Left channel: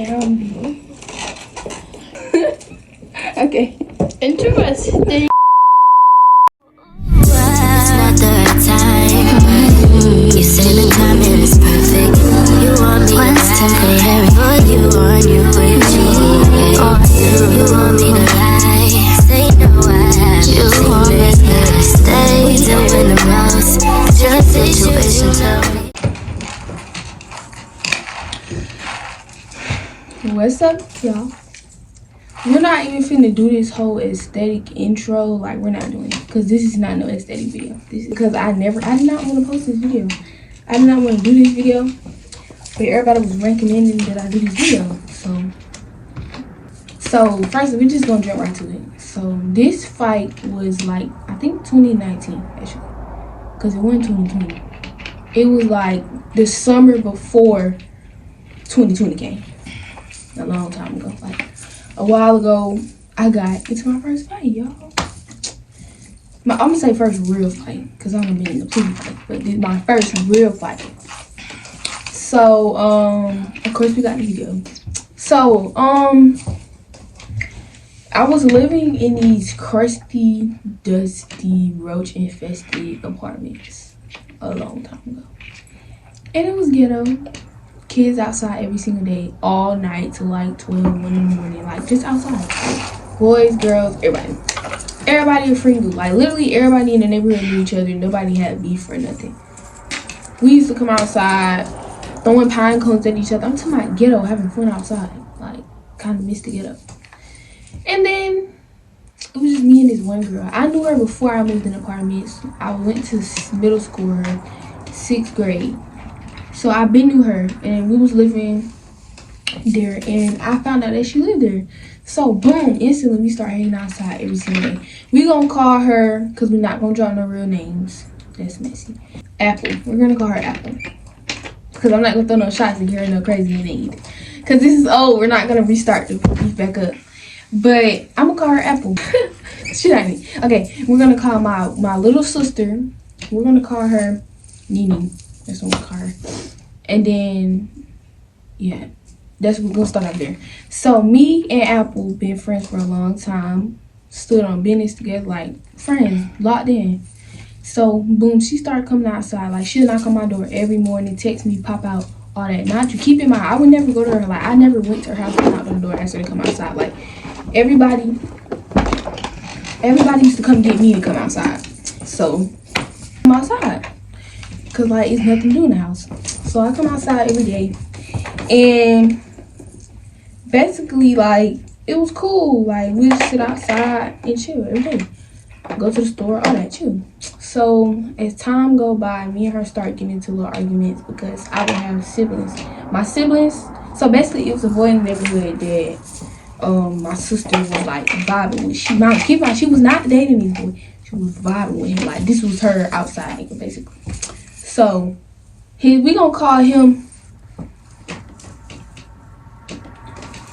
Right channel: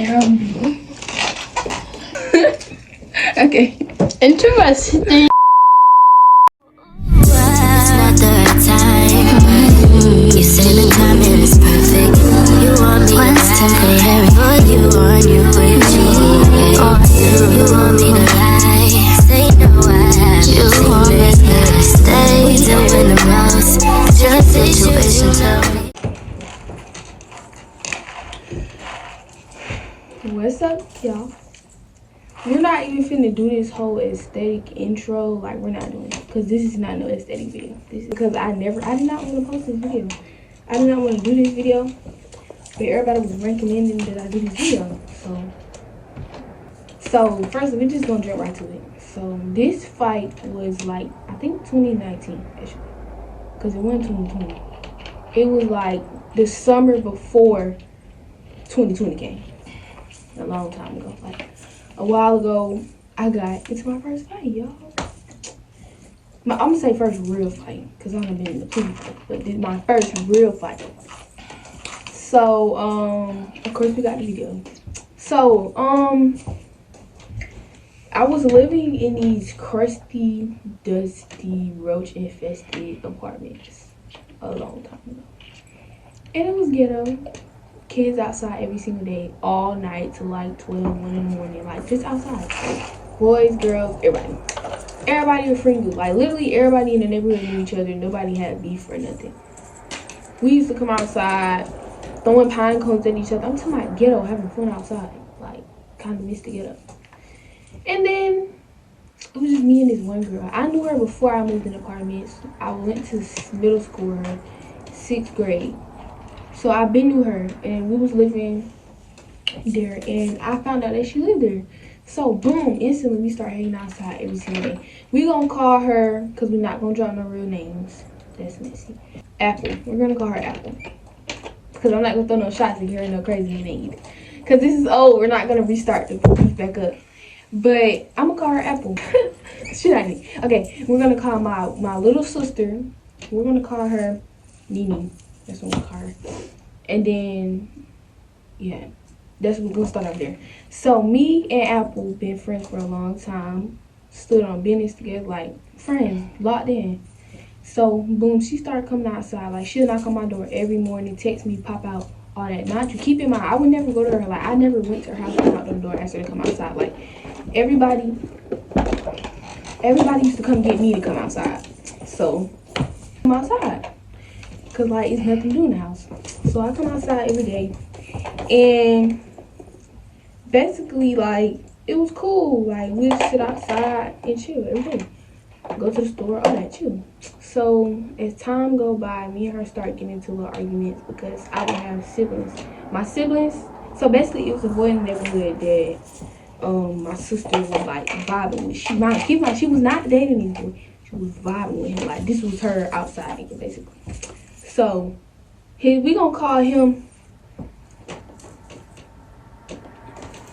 Okay. Interesting. It's not the right time. You say the timing is perfect. You want me to temporary, but you want you with me. You want me to lie, say no I have. You want me to stay, doing the most. Just situation tell me. What's up, y'all? We're not even finna do this whole aesthetic intro. Like, we're not doing it because this is not no aesthetic video. This is because I did not want to post this video. I did not want to do this video, but everybody was recommending that I do this video. So first, we're just gonna jump right to it. So this fight was like, I think 2019 actually, because it wasn't 2020. It was like the summer before 2020 came. A long time ago, like a while ago, I got into my first fight, y'all. I'm gonna say first real fight, because I've been in the plenty fight, but this is my first real fight. So, of course we got the video. So, I was living in these crusty, dusty, roach-infested apartments a long time ago. And it was ghetto. Kids outside every single day, all night till like 12, 1 in the morning, like just outside. Boys, girls, everybody. Everybody a friend. Like literally everybody in the neighborhood knew each other. Nobody had beef or nothing. We used to come outside, throwing pine cones at each other. I'm talking about ghetto, having fun outside. Like, kind of missed the ghetto. And then, it was just me and this one girl. I knew her before I moved in apartments. I went to middle school, 6th grade. So I been knew her, and we was living there, and I found out that she lived there. So boom, instantly we start hanging outside every single day. We gonna call her, cause we're not gonna draw no real names. That's messy. Apple. We're gonna call her Apple, cause I'm not gonna throw no shots and get her no crazy name either. Cause this is old. We're not gonna restart the beef back up. But I'm gonna call her Apple. Shit, I need. Okay, we're gonna call my little sister. We're gonna call her Nini. That's what we're gonna call her. And then, yeah, we're gonna start out there. So me and Apple been friends for a long time. Stood on business together, like friends, locked in. So boom, she started coming outside. Like she'll knock on my door every morning, text me, pop out, all that. Not you. Keep in mind, I would never go to her. Like I never went to her house, come out the door, ask her to come outside. Like everybody used to come get me to come outside. So I'm outside. Cause like it's nothing to do in the house. So I come outside every day, and basically like it was cool. Like we just sit outside and chill every day. Go to the store, all that, chill. So as time go by, me and her start getting into little arguments because I would have siblings. My siblings. So basically, it was a boy in the neighborhood that my sister was like vibing with. She was not dating this boy. She was vibing with him. Like this was her outside nigga, basically. So, we gonna call him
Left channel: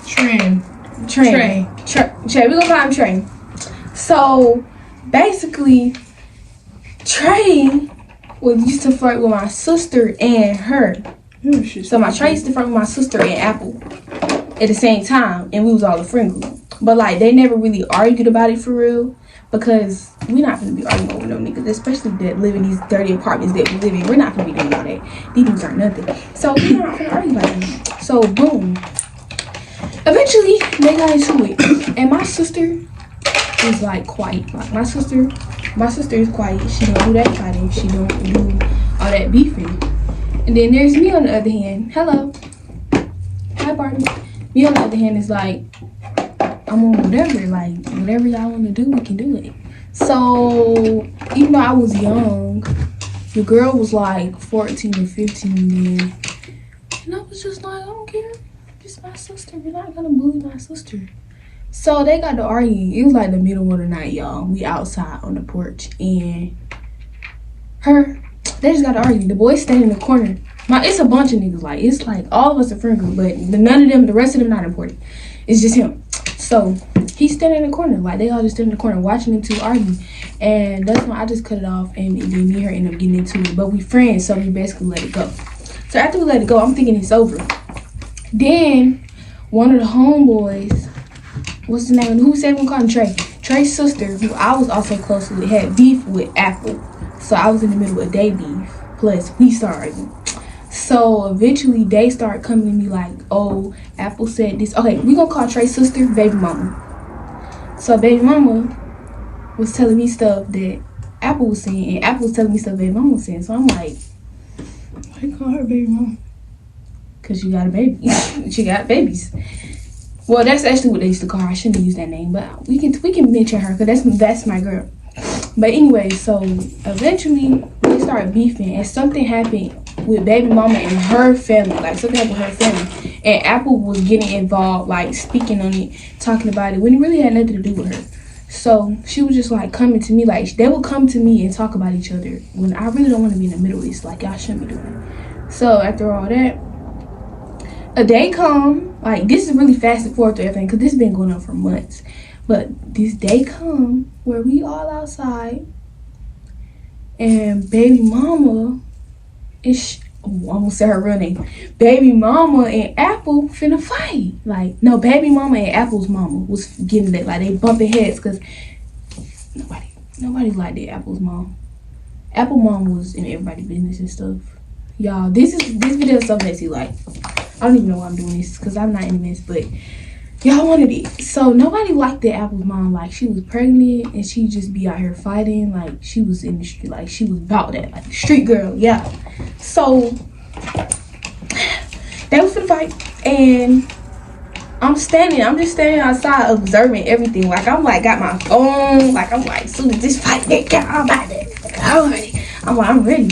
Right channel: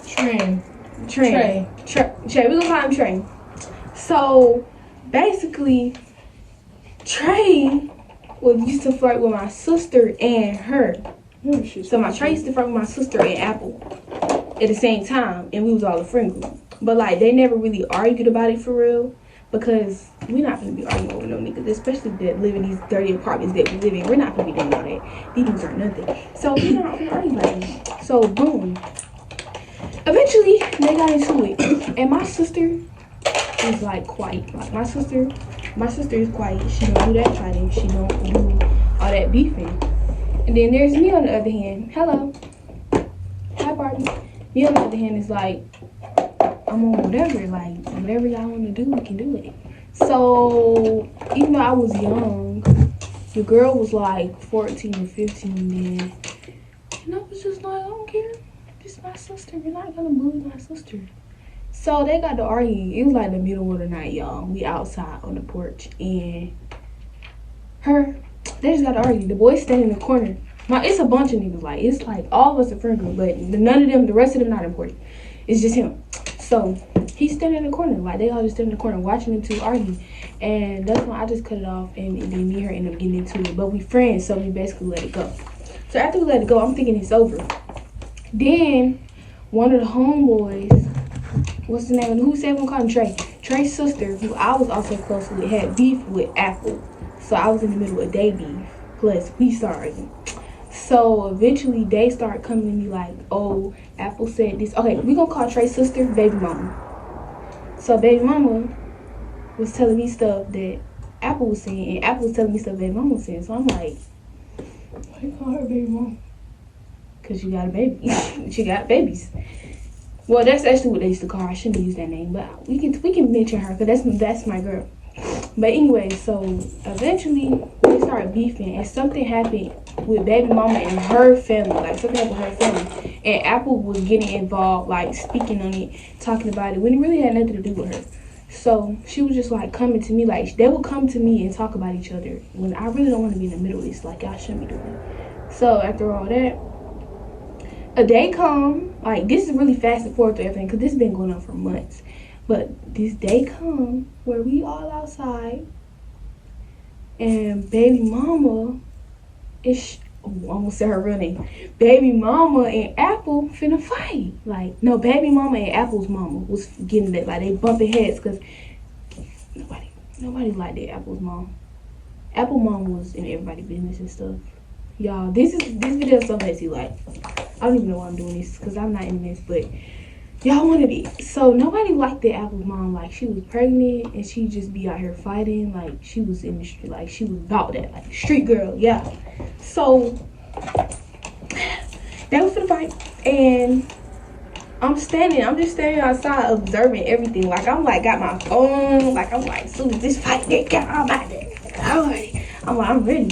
Trey. We gonna call him Trey. So, basically, Trey used to flirt with my sister and her. So, Trey used to flirt with my sister and Apple at the same time, and we was all a friend group. But, like, they never really argued about it for real. Because we're not going to be arguing over no niggas, especially that live in these dirty apartments that we live in. We're not going to be doing all that. These niggas are nothing. So we're not going to argue about that. So boom. Eventually, they got into it. And my sister is like quiet. Like my sister is quiet. She don't do that fighting. She don't do all that beefing. And then there's me on the other hand. Hello. Hi, partner. Me on the other hand is like, I'm on whatever, like, whatever y'all want to do, we can do it. So, even though I was young, the girl was like 14 or 15 then. And I was just like, I don't care. This is my sister. You're not going to bully my sister. So, they got to arguing. It was like the middle of the night, y'all. We outside on the porch. And they just got to argue. The boy standing in the corner. It's a bunch of niggas. Like, it's like all of us are friend group. But none of them, the rest of them not important. It's just him. So he's standing in the corner, like they all just standing in the corner watching them two argue. And that's when I just cut it off, and then me and her end up getting into it. But we friends, so we basically let it go. So after we let it go, I'm thinking it's over. Then one of the homeboys, what's the name? Who said we call him Trey? Trey's sister, who I was also close with, had beef with Apple. So I was in the middle of their beef. Plus, we started. So eventually, they started coming to me like, oh, Apple said this. Okay, we gonna call Trey's sister baby mama. So baby mama was telling me stuff that Apple was saying, and Apple was telling me stuff baby mama was saying. So I'm like, I call her baby mama. Because she got a baby. She got babies. Well, that's actually what they used to call her. I shouldn't use that name, but we can mention her because that's my girl. But anyway, so eventually we started beefing, and something happened with baby mama and her family. Like something happened with her family, and Apple was getting involved, like speaking on it, talking about it when it really had nothing to do with her. So she was just like coming to me, like they would come to me and talk about each other when I really don't want to be in the middle of this. Like y'all shouldn't be doing it. So after all that, a day come, like this is really fast and forth to everything because this has been going on for months. But this day come where we all outside and baby mama is, I almost said her real name. Baby mama and Apple finna fight. Like, no, baby mama and Apple's mama was getting that, like they bumping heads because nobody liked the Apple's mom. Apple mom was in everybody's business and stuff. Y'all, this video is so messy, like I don't even know why I'm doing this because I'm not in this, but y'all wanted it. So nobody liked the Apple's mom. Like she was pregnant and she just be out here fighting. Like she was in the street. Like she was about that. Like street girl. Yeah. So they was finna fight and I'm just standing outside observing everything. Like I'm like got my phone. Like I'm like, as soon as this fight get out, I'm ready. I'm ready.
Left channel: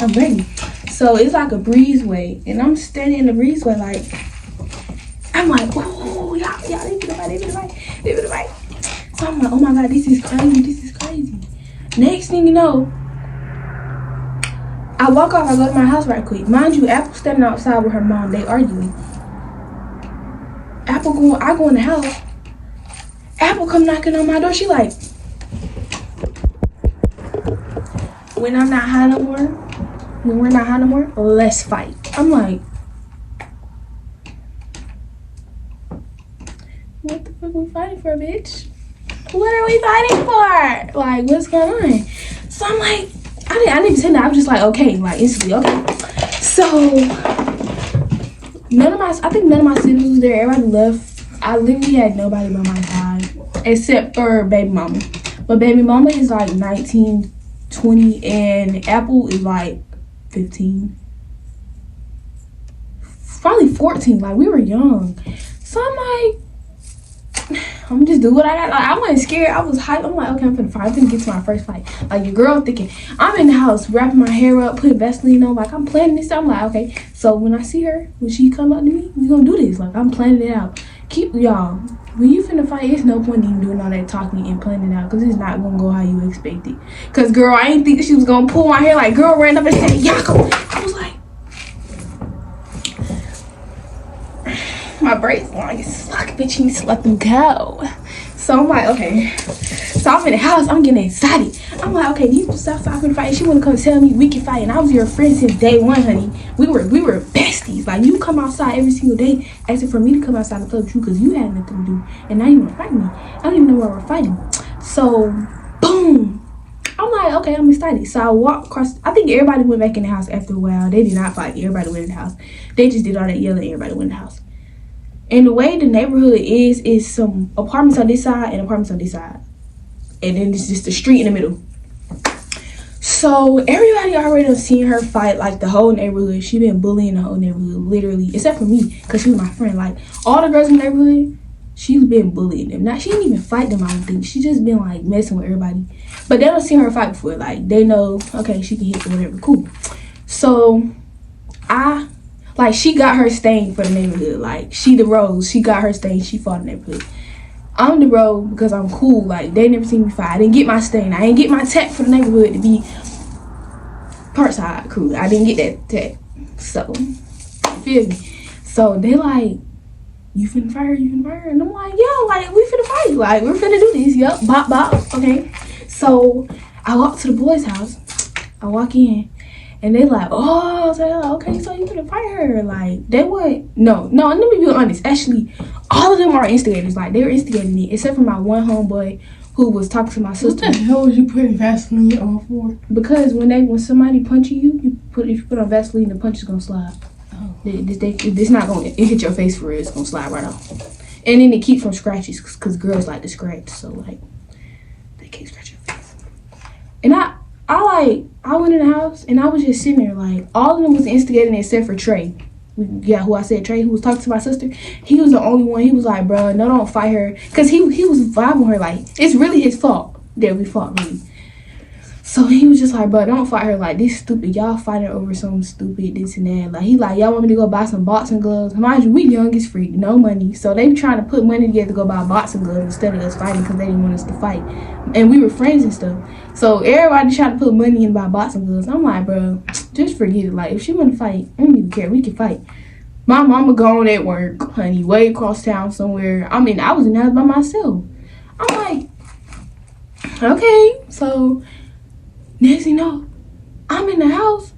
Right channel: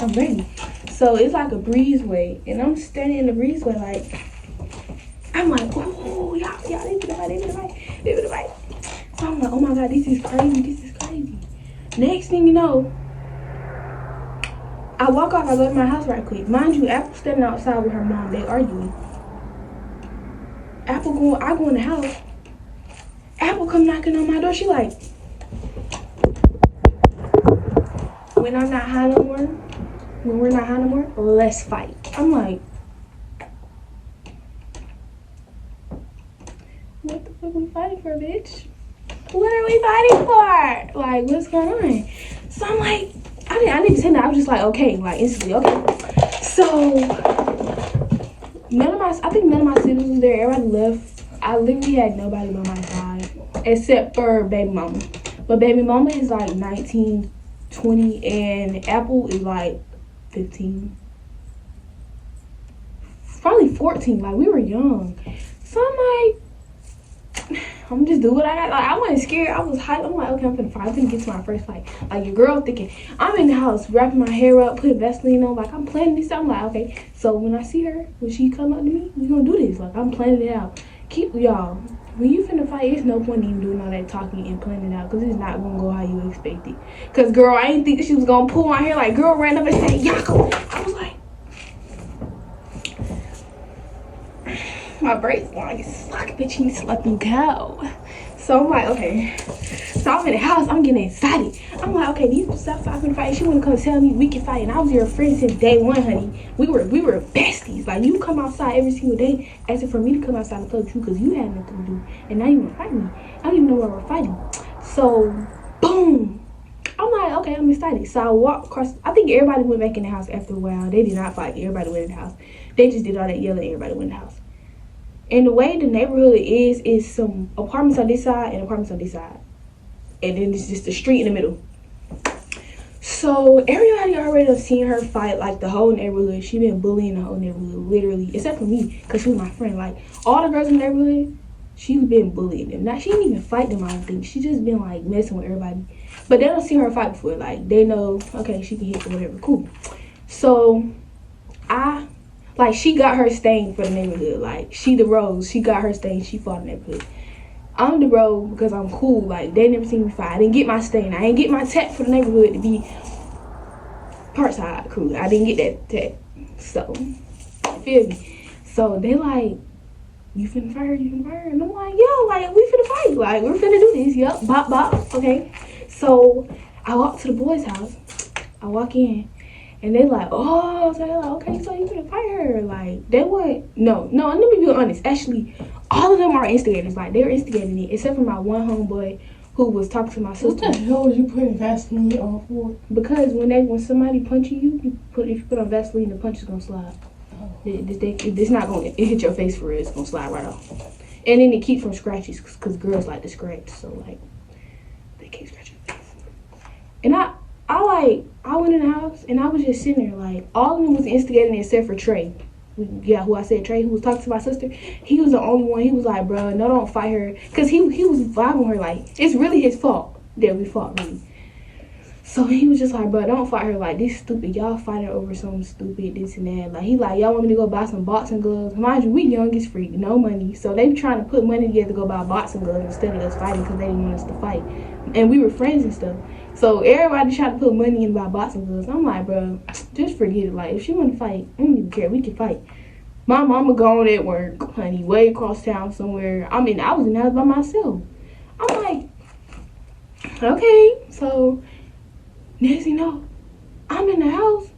I'm ready. So it's like a breezeway, and I'm standing in the breezeway, like, I'm like, oh, y'all, they finna fight. So I'm like, oh my God, this is crazy. Next thing you know, I walk off, I go to my house right quick. Mind you, Apple standing outside with her mom, they arguing. I go in the house, Apple come knocking on my door, she like, when I'm not high no more, when we're not high no more, let's fight. I'm like, what the fuck we fighting for, bitch? What are we fighting for? Like, what's going on? So I'm like, I didn't even say that. I was just like, okay, like instantly, okay. So I think none of my siblings was there. Everybody left. I literally had nobody by my side except for baby mama. But baby mama is like 19, 20, and Apple is like 15, probably 14. Like we were young. So I'm like, I'm just do what I got. Like I wasn't scared. I was hyped. I'm like, okay, I'm finna fight. I'm finna get to my first fight. Like your girl thinking I'm in the house wrapping my hair up, putting Vaseline on. Like I'm planning this. I'm like, okay. So when I see her, when she come up to me, we gonna do this. Like I'm planning it out. Keep y'all. When you finna fight, it's no point even doing all that talking and planning it out because it's not gonna go how you expect it. Cause girl, I didn't think she was gonna pull my hair. Like girl ran up and said, Yako. I was like, my braids long as fuck, bitch. You need to let them go. So I'm like, okay. So I'm in the house. I'm getting excited. I'm like, okay, these people stop talking fight. She wanna come tell me we can fight, and I was your friend since day one, honey. We were besties. Like you come outside every single day asking for me to come outside and play with you because you had nothing to do, and now you wanna fight me. I don't even know why we're fighting. So boom. I'm like, okay, I'm excited. So I walk across. I think everybody went back in the house after a while. They did not fight. Everybody went in the house. They just did all that yelling. Everybody went in the house. And the way the neighborhood is some apartments on this side and apartments on this side. And then it's just the street in the middle. So everybody already done seen her fight, like the whole neighborhood. She been bullying the whole neighborhood, literally, except for me, because she was my friend. Like all the girls in the neighborhood, she's been bullying them. Now she didn't even fight them, I don't think. She just been like messing with everybody. But they don't see her fight before. Like they know, okay, she can hit or whatever, cool. So she got her stain for the neighborhood. Like she the rose, she got her stain, she fought in the neighborhood. I'm the rose because I'm cool. Like they never seen me fight. I didn't get my stain. I didn't get my tag for the neighborhood to be part side crew. I didn't get that tag. So you feel me? So they like, you finna fight her, and I'm like, yo, like we finna fight. Like we're finna do this. Yup, bop. Okay. So I walk to the boys' house. I walk in. And they like, oh, so they're like, okay, so you gonna fight her? Like, they would, no, let me be honest. Actually, all of them are instigators. Like, they were instigating it, except for my one homeboy who was talking to my sister. What the hell was you putting Vaseline on for? Because when somebody punching you, if you put on Vaseline, the punch is gonna slide. Oh. It's not gonna, it hit your face for real, it's gonna slide right off. And then it keeps from scratches, because girls like to scratch, so like, they can't scratch your face. And I went in the house, and I was just sitting there, like, all of them was instigating except for Trey. Yeah, who I said, Trey, who was talking to my sister. He was the only one. He was like, bro, no, don't fight her. Because he was vibing her, like, it's really his fault that we fought, really. So he was just like, bro, don't fight her. Like, this stupid. Y'all fighting over something stupid, this and that. Like, he like, y'all want me to go buy some boxing gloves? Mind you, we young as freak, no money. So they trying to put money together to go buy boxing gloves instead of us fighting because they didn't want us to fight. And we were friends and stuff. So everybody trying to put money in to buy boxing gloves. I'm like, bro, just forget it. Like, if she want to fight, I don't even care. We can fight. My mama gone at work, honey, way across town somewhere. I mean, I was in the house by myself. I'm like, okay. So next thing you know, I'm in the house.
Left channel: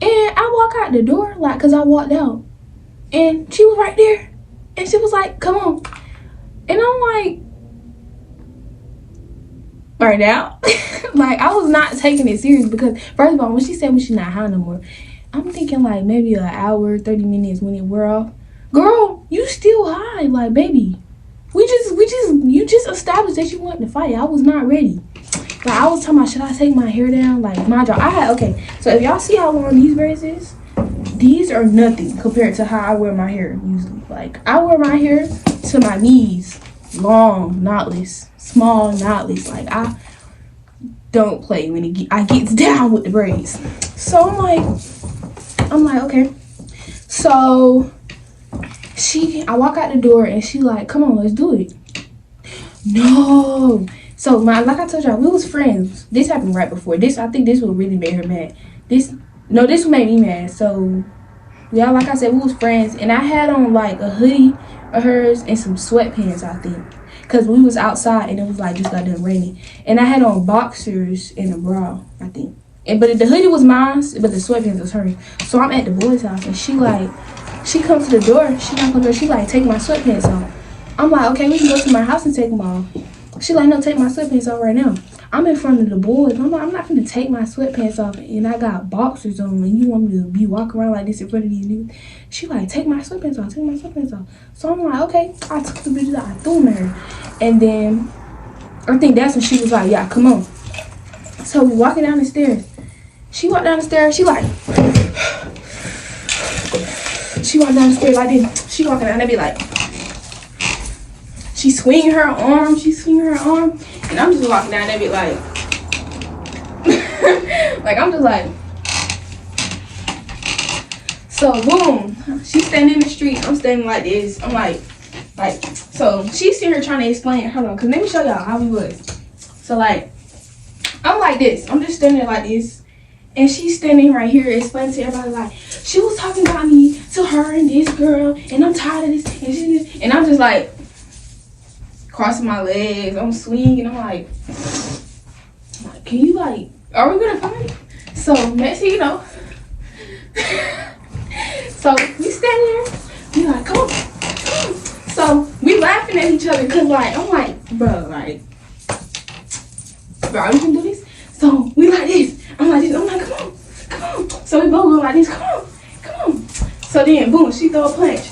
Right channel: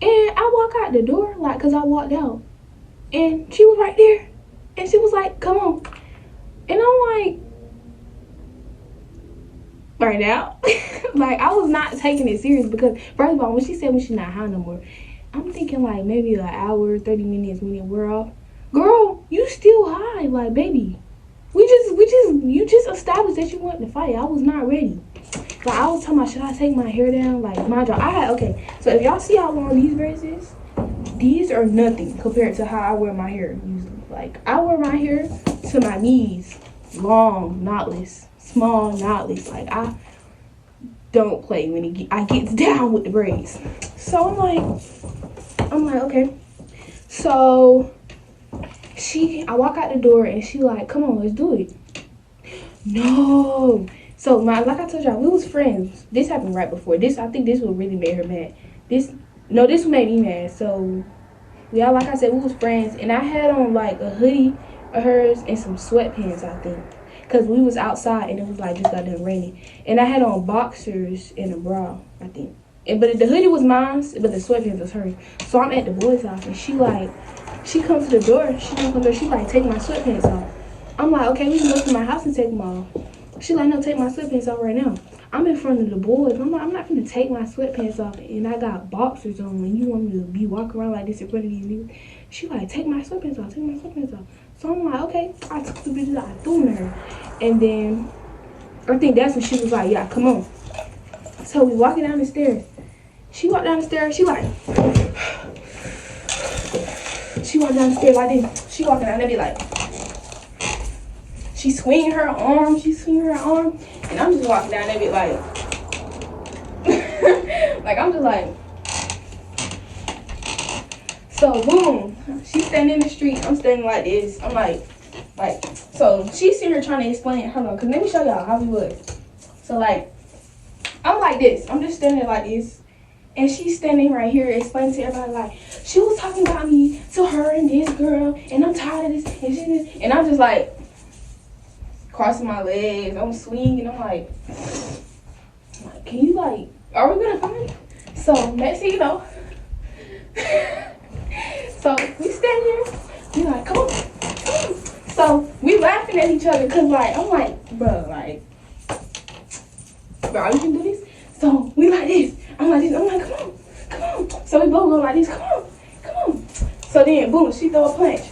And I walk out the door, like, because I walked out. And she was right there. And she was like, come on. And I'm like, right now? Like, I was not taking it serious because, first of all, when she said when she's not high no more, I'm thinking like maybe an hour, 30 minutes when it wear off. Girl, you still high. Like, baby, you just established that you wanted to fight. I was not ready. Like, I was talking about, should I take my hair down? Like, my jaw. Okay, so if y'all see how long these braids is, these are nothing compared to how I wear my hair usually. Like, I wear my hair to my knees, long, knotless, small, knotless. Like, I don't play when I gets down with the braids. So I'm like, okay. So I walk out the door and she like, come on, let's do it. No. So like I told y'all, we was friends. This happened right before. I think this would really made her mad. This would make me mad. So yeah, like I said, we was friends, and I had on like a hoodie of hers and some sweatpants, I think. Cause we was outside and it was like just got done raining. And I had on boxers and a bra, I think. But the hoodie was mine, but the sweatpants was hers. So I'm at the boy's house and she comes to the door, she like, take my sweatpants off. I'm like, okay, we can go to my house and take them off. She like, no, take my sweatpants off right now. I'm in front of the boys. I'm like, I'm not gonna take my sweatpants off and I got boxers on and you want me to be walking around like this in front of these niggas. She like, take my sweatpants off, take my sweatpants off. So I'm like, okay. I took the bitches out, I threw them at her. And then I think that's when she was like, yeah, come on. So we walking down the stairs. She walked down the stairs, she walked down the stairs like this. She walking down, they be like, she swinging her arm, and I'm just walking down, they be like, like, I'm just like, so boom, she's standing in the street, I'm standing like this, I'm like, so she's sitting here trying to explain, hold on, cause let me show y'all how we was. So like, I'm like this, I'm just standing like this, and she's standing right here explaining to everybody like, she was talking about me to her and this girl, and I'm tired of this, and she this, and I'm just like, crossing my legs, I'm swinging, I'm like, can you like, are we gonna fight? So next thing you know, so we stand there, we like, come on. So we laughing at each other, cause like, I'm like, bro, we can do this? So we like this, I'm like this, I'm like, come on. So we both go like this, come on. So then, boom, she throw a punch.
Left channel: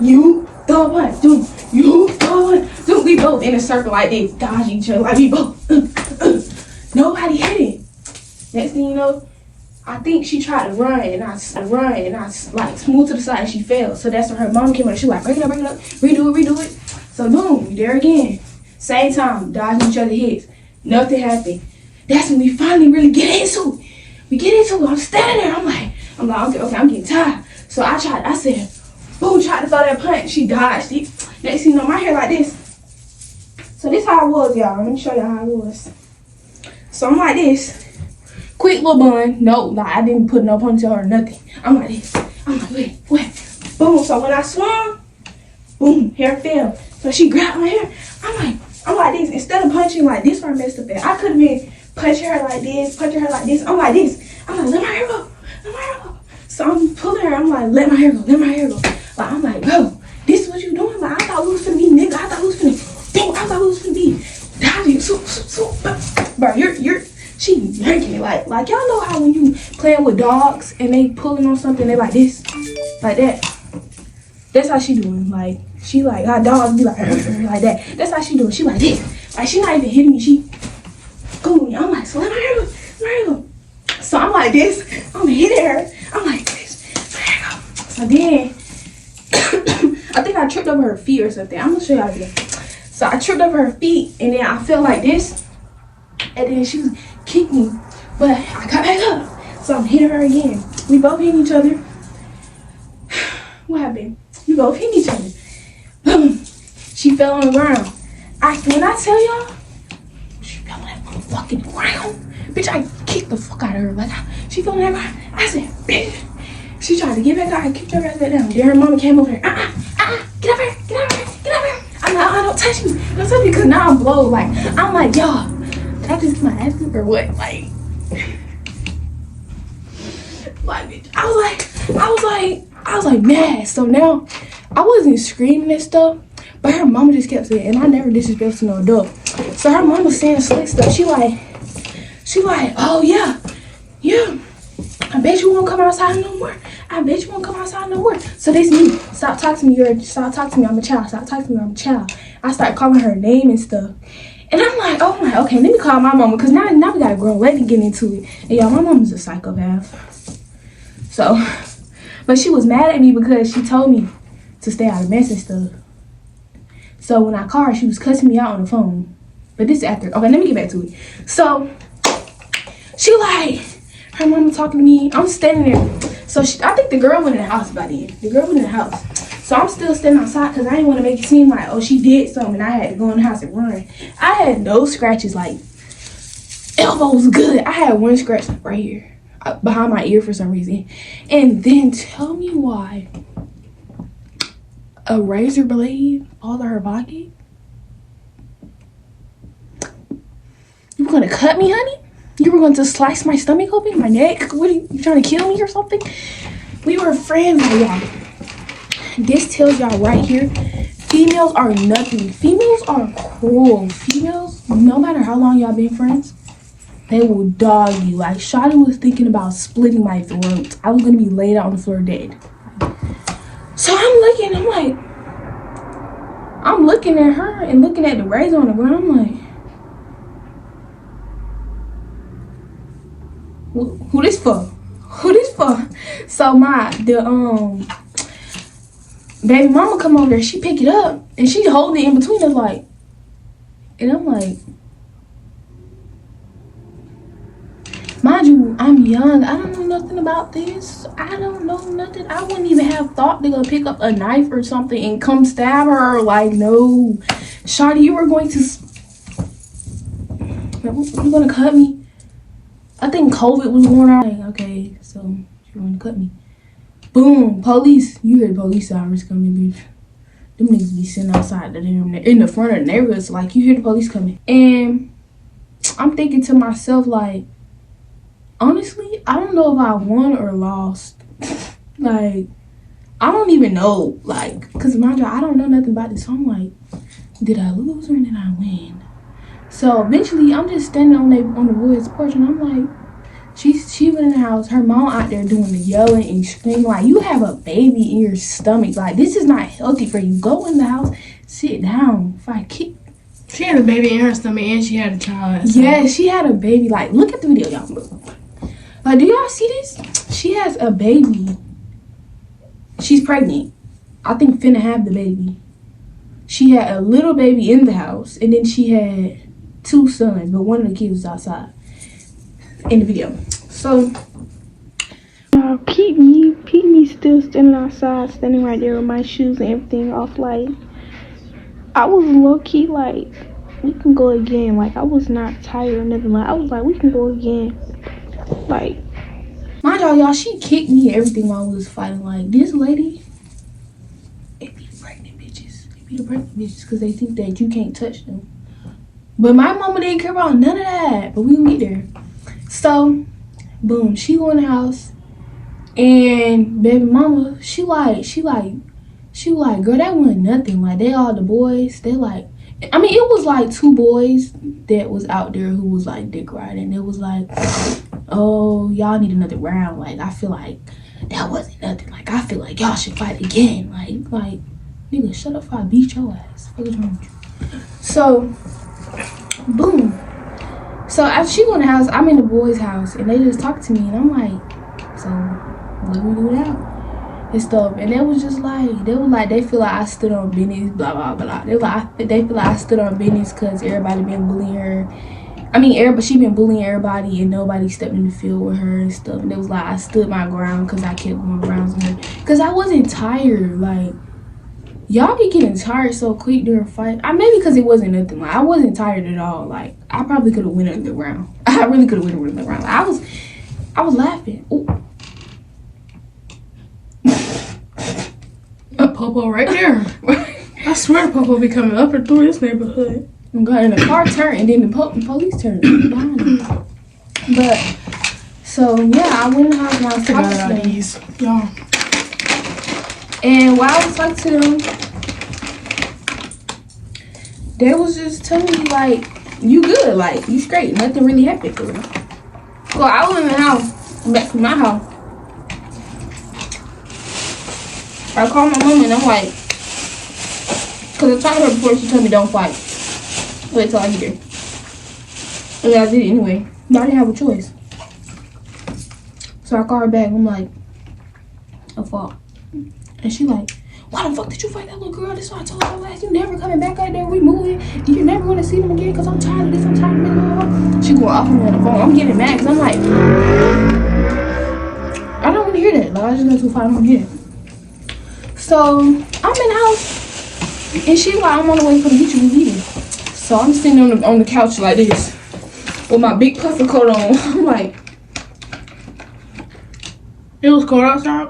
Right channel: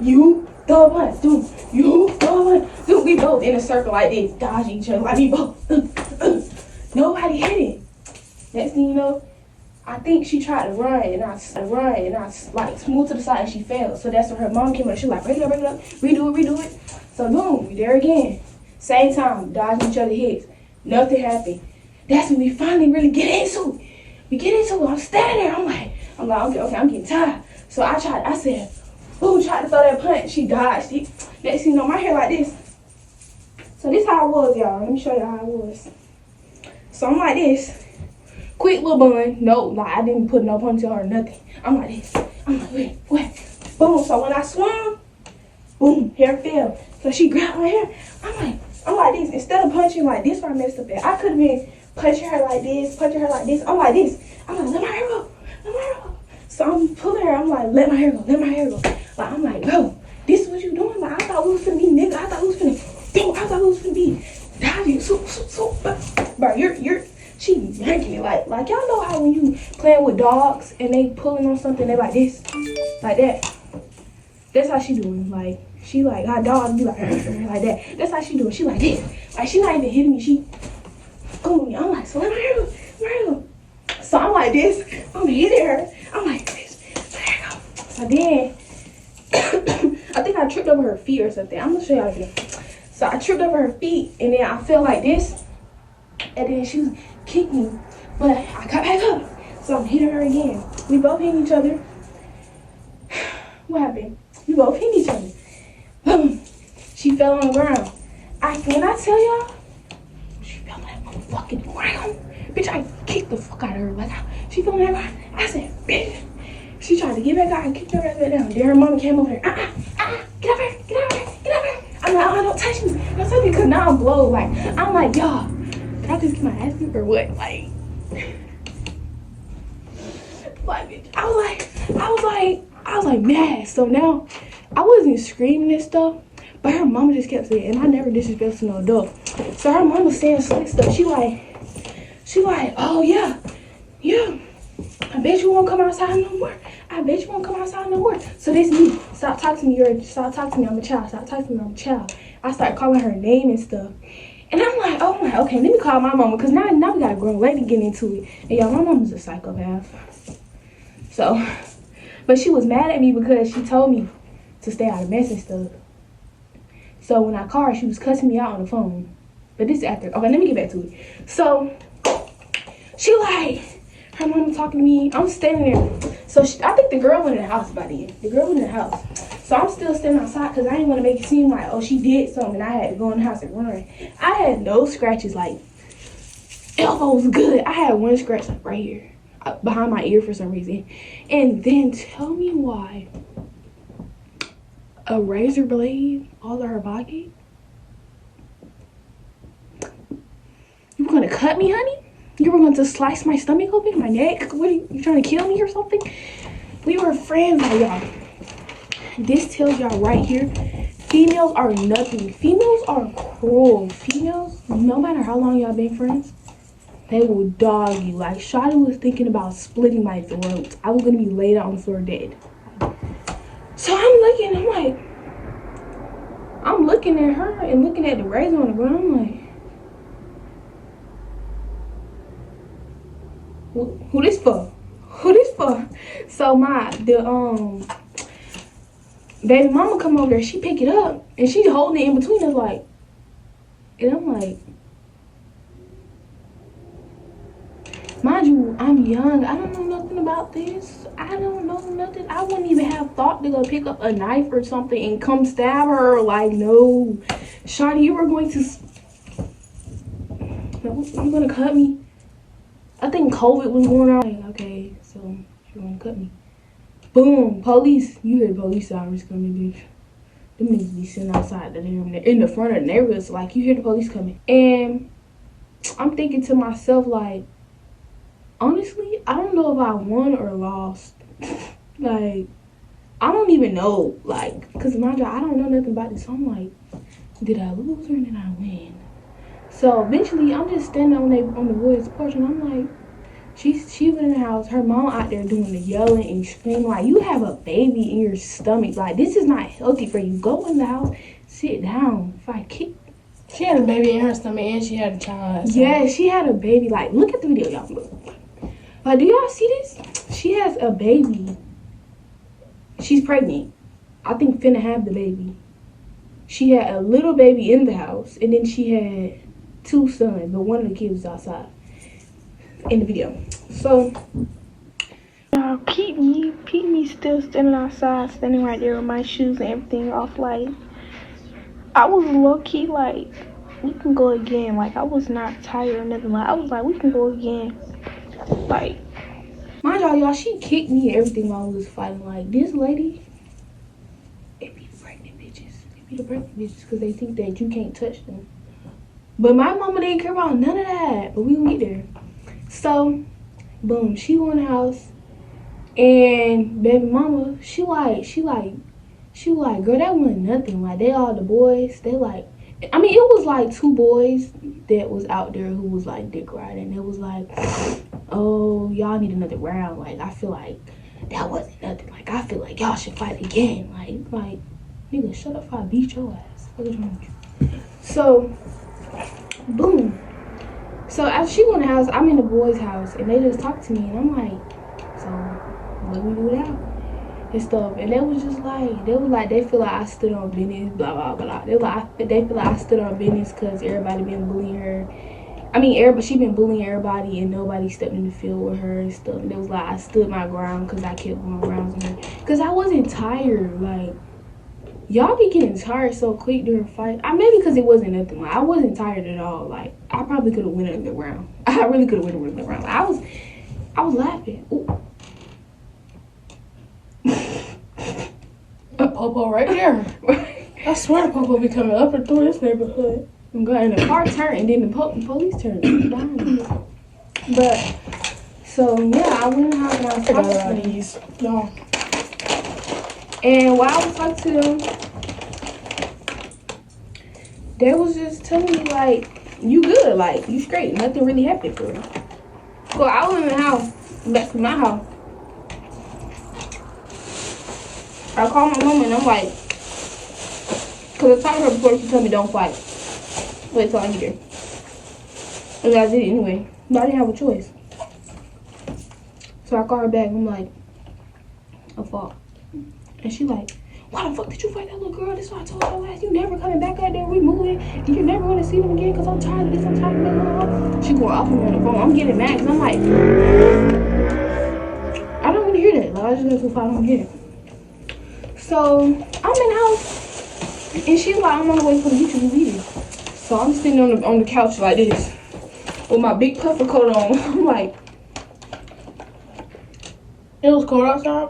You throw a punch, dude. You throw a punch. Dude, we both in a circle like this, dodging each other, like we both. Nobody hit it. Next thing you know, I think she tried to run, and I like smooth to the side, and she fell. So that's when her mom came over. She like, break it up, redo it. So boom, we there again. Same time, dodging each other's hits. Nothing happened. That's when we finally really get into it. We get into it. I'm standing there. I'm like, okay, I'm getting tired. So I said, boom, tried to throw that punch. She dodged it. Next thing you know, my hair like this. So this how it was, y'all. Let me show y'all how it was. So I'm like this. Quick little bun. No, like I didn't put no ponytail or nothing. I'm like this. I'm like, wait. Boom. So when I swung, boom, hair fell. So she grabbed my hair. I'm like this. Instead of punching like this where I messed up at, I could have been punching her like this, punching her like this. I'm like this. I'm like, let my hair go. Let my hair go. So I'm pulling her. I'm like, let my hair go. Let my hair go. Like, I'm like, bro, this is what you doing? Like, I thought we was finna be nigga. I thought we was finna, dude, I thought we was finna be diving. So, bro, she yanking it like y'all know how when you playing with dogs and they pulling on something, they like this, like that. That's how she doing. Like, she like, our dogs be like that. That's how she doing. She like this. Like, she not even hitting me. She going me. I'm like, so let my hair go. Let my hair go. So I'm like this. I'm hitting her. I'm like this. Let my hair go. So then, I think I tripped over her feet or something. I'm gonna show y'all again. So I tripped over her feet, and then I felt like this, and then she kicked me, but I got back up. So I'm hitting her again. We both hit each other. What happened? We both hit each other. Boom. She fell on the ground. When I tell y'all, she fell on that motherfucking ground. Bitch, I kicked the fuck out of her. Like, she fell on that ground. I said, bitch. She tried to get back up. I kicked her right back down. Then her mama came over here. Get up here. Get up here. Get up here. I'm like, don't touch me. Don't touch me, because now I'm blowed. Like, I'm like, y'all, did I just get my ass beat or what? Like, bitch. I was like mad. So now I wasn't screaming and stuff, but her mama just kept saying, and I never disrespected no adult. So her mama was saying slick stuff. She like, oh yeah. I bet you won't come outside no more. I bet you won't come outside no more. So this me. Stop talking to me. Stop talking to me. I'm a child. Stop talking to me. I'm a child. I start calling her name and stuff. And I'm like, okay, let me call my mama, because now we got a grown lady getting into it. And y'all, my mama's a psychopath. So, but she was mad at me because she told me to stay out of mess and stuff. So when I called her, she was cussing me out on the phone. But this is after. Okay, let me get back to it. So she like, her mama talking to me. I'm standing there. So I think the girl went in the house by then. The girl went in the house. So I'm still standing outside because I didn't want to make it seem like, oh, she did something and I had to go in the house and run. I had no scratches, like, elbow was good. I had one scratch right here, behind my ear for some reason. And then tell me why a razor blade all in her body? You were going to cut me, honey? You were going to slice my stomach open, my neck? What are you trying to kill me or something? We were friends, like, y'all. This tells y'all right here, females are nothing. Females are cruel. Females, no matter how long y'all been friends, they will dog you. Like, Shawty was thinking about splitting my throat. I was gonna be laid out on the floor dead. So I'm looking at her and looking at the razor on the ground. I'm like, who this for? Who this for? So baby mama come over there, she pick it up, and she holding it in between us, like, and I'm like, mind you, I'm young, I don't know nothing about this, I don't know nothing, I wouldn't even have thought to go pick up a knife or something and come stab her, like, no, Shawty, you were going to, you're gonna cut me? I think COVID was going on, like, okay, so you're gonna cut me. Boom, police. You heard police sirens coming, bitch. Them niggas be sitting outside in the front of the neighborhoods, like, you hear the police coming. And I'm thinking to myself, like, honestly, I don't know if I won or lost. Like, I don't even know, like, because mind you, I don't know nothing about this. So I'm like, did I lose or did I win? So eventually, I'm just standing on the boys' porch, and I'm like, she went in the house, her mom out there doing the yelling and screaming, like, you have a baby in your stomach, like, this is not healthy for you. Go in the house, sit down. If I kick. She had a baby in her stomach and she had a child. So. Yeah, she had a baby. Like, look at the video, y'all. Like, do y'all see this? She has a baby. She's pregnant. I think finna have the baby. She had a little baby in the house, and then she had 2 sons, but one of the kids was outside in the video. So Pete still standing outside, standing right there with my shoes and everything off. Like, I was low-key like, we can go again. Like, I was not tired or nothing. Like, I was like, we can go again. Like, mind y'all, she kicked me and everything while we was fighting. Like, this lady, it be the pregnant bitches. It be the pregnant bitches because they think that you can't touch them. But my mama didn't care about none of that. But we gonna get there. So, boom, she go in the house, and baby mama, she like, girl, that wasn't nothing. Like, they all the boys, they like, I mean, it was like 2 boys that was out there who was like dick riding. It was like, oh, y'all need another round. Like, I feel like that wasn't nothing. Like, I feel like y'all should fight again. Like, nigga, shut up before I beat your ass. What is wrong with you? So, boom. So after she go in the house, I'm in the boys' house, and they just talk to me, and I'm like, so what do we do now? And stuff. And they was just like, they feel like I stood on business, blah blah blah. They feel like I stood on business because everybody been bullying her. I mean, she been bullying everybody, and nobody stepped in the field with her and stuff. And it was like I stood my ground because I kept going around on her. Because I wasn't tired. Like, y'all be getting tired so quick during a fight. Maybe because it wasn't nothing. Like, I wasn't tired at all. Like, I probably could have went another round. I really could have went another round. Like, I was laughing. Ooh. A popo right there. I swear the popo be coming up and through this neighborhood. And the car turned, and then the police turned behind me. But, so, yeah, I went in the house and I was Forgot talking about to them. these. Y'all. And while I was talking to them, they was just telling me, like, you good, like, you straight. Nothing really happened for real. So I was in the house, back from my house. I called my mom and I'm like, because I talked to her before, she told me don't fight. Wait till I get here. And I did it anyway. I didn't have a choice. So I called her back and I'm like, I fought. And she like, why the fuck did you fight that little girl? That's why I told her last. You never coming back out there. We moving. You're never going to see them again because I'm tired of this. I'm tired of this. She going off on the phone. I'm getting mad because I'm like, I don't want to hear that. Like, I just went to fight him again. So I'm in the house and she like, I'm on the way to come get you. We leaving. So I'm sitting on the couch like this with my big puffer coat on. I'm like, It was cold outside?